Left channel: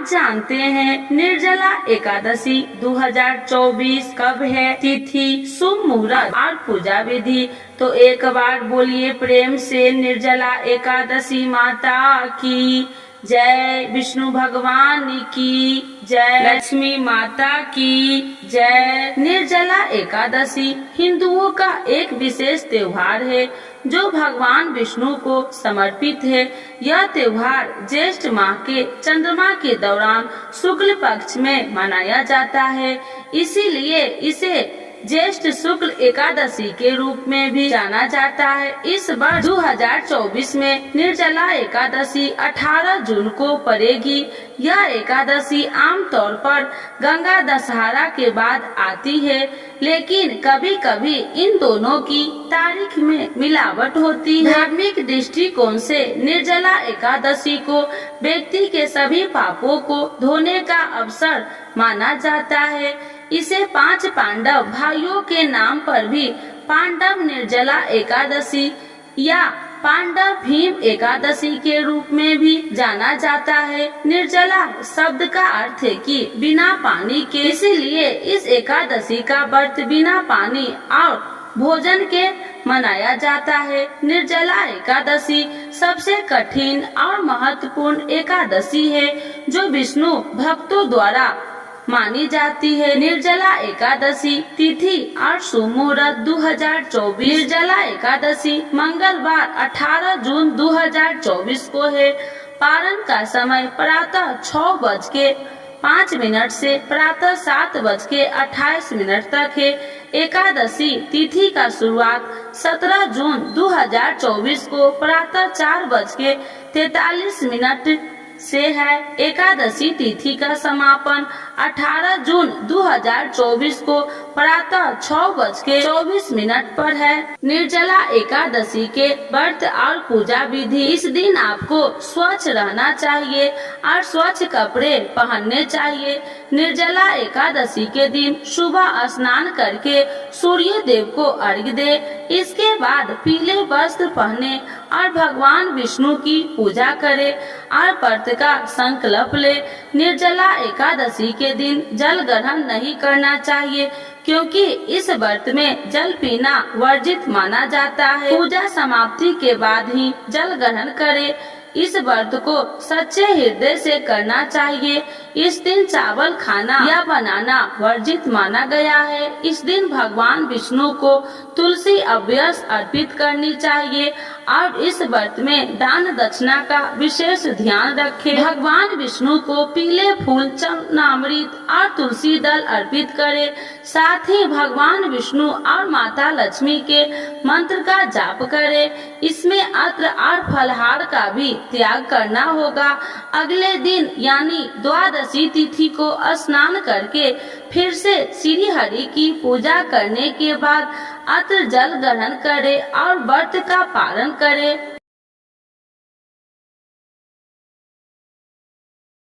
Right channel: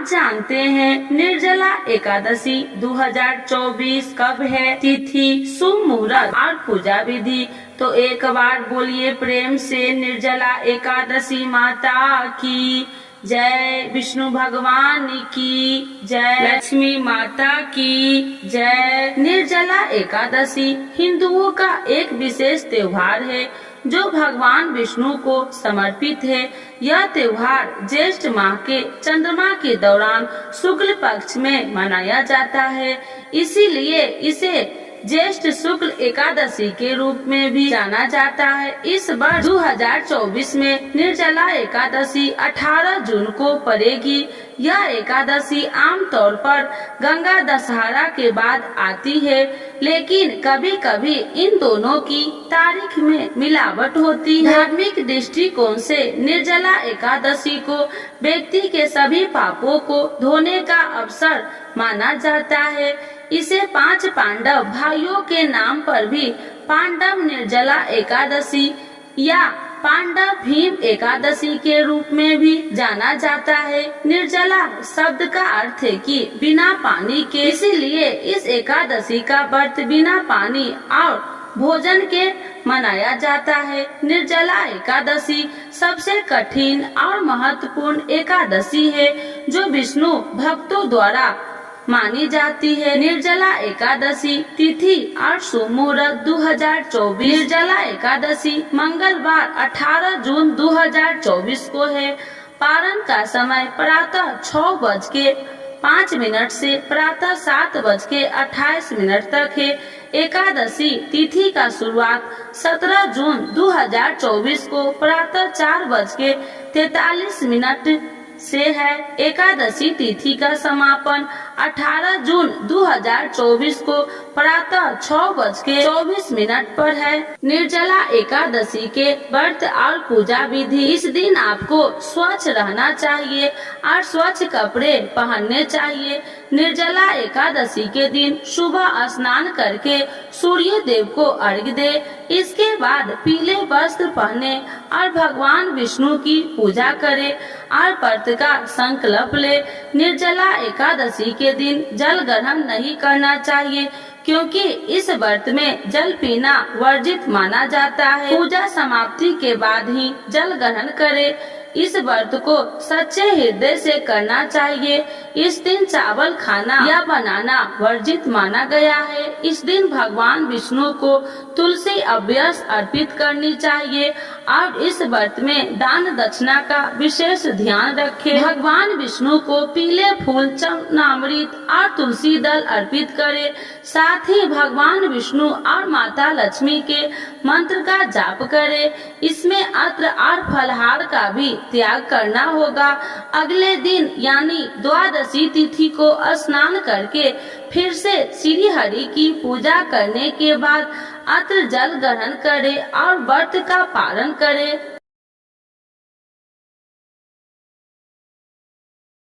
आज जानते हैं निर्जला एकादशी 2024 कब है, तिथि, शुभ मुहूर्त और पूजा विधि। तो एक बार बोलिए प्रेम से निर्जला एकादशी माता की जय, विष्णु भगवान की जय, लक्ष्मी माता की जय। निर्जला एकादशी हिंदुओं का एक विशेष त्योहार है जो भगवान विष्णु को समर्पित है। यह त्योहार ज्येष्ठ माह के चंद्रमा के दौरान शुक्ल पक्ष में मनाया जाता है, इसीलिए इसे ज्येष्ठ शुक्ल एकादशी के रूप में भी जाना जाता है। इस वर्ष 2024 में निर्जला एकादशी 18 जून को पड़ेगी। यह एकादशी आमतौर पर गंगा दशहरा के बाद आती है, लेकिन कभी कभी इन दोनों की तारीख में मिलावट होती है। धार्मिक दृष्टिकोण से निर्जला एकादशी को व्यक्ति के सभी पापों को धोने का अवसर माना जाता है। इसे 5 पांडव भाइयों के नाम पर भी पांडव निर्जला एकादशी या पांडव भीम एकादशी के रूप में भी जाना जाता है। निर्जला शब्द का अर्थ है कि बिना पानी के, इसीलिए इस एकादशी का व्रत बिना पानी और भोजन के मनाया जाता है। निर्जला एकादशी सबसे कठिन और महत्वपूर्ण एकादशी है जो विष्णु भक्तों द्वारा मानी जाती है। निर्जला एकादशी तिथि और शुभ मुहूर्त 2024। निर्जला एकादशी मंगलवार 18 जून 2024 को है। पारण का समय प्रातः 6:05 से प्रातः 7:28 तक है। एकादशी तिथि का शुरुआत 17 जून 2024 को प्रातः 4:43 से है। एकादशी तिथि का समापन 18 जून 2024 को प्रातः 6:24 पर है। निर्जला एकादशी के व्रत और पूजा विधि। इस दिन आपको स्वच्छ रहना चाहिए और स्वच्छ कपड़े पहनने चाहिए। निर्जला एकादशी के दिन सुबह स्नान करके सूर्य देव को अर्घ्य दे। इसके बाद पीले वस्त्र पहने और भगवान विष्णु की पूजा करे और व्रत का संकल्प ले। निर्जला एकादशी के दिन जल ग्रहण नहीं करना चाहिए, क्योंकि इस व्रत में जल पीना वर्जित माना जाता है। पूजा समाप्ति के बाद ही जल ग्रहण करे। इस व्रत को सच्चे हृदय से करना चाहिए। इस दिन चावल खाना या बनाना वर्जित माना गया है। इस दिन भगवान विष्णु को तुलसी अभ्यस अर्पित करनी चाहिए और इस व्रत में दान दक्षिणा का विशेष ध्यान रखें। भगवान विष्णु को पीले फूल, चरणामृत और तुलसी दल अर्पित करें। साथ ही भगवान विष्णु और माता लक्ष्मी के मंत्र का जाप करें। इसमें अत्र और फलहार का भी त्याग करना होगा। अगले दिन यानी द्वादशी तिथि को स्नान करके फिर से श्री हरि की पूजा करने के बाद अत्र जल ग्रहण करें और व्रत का पालन करें।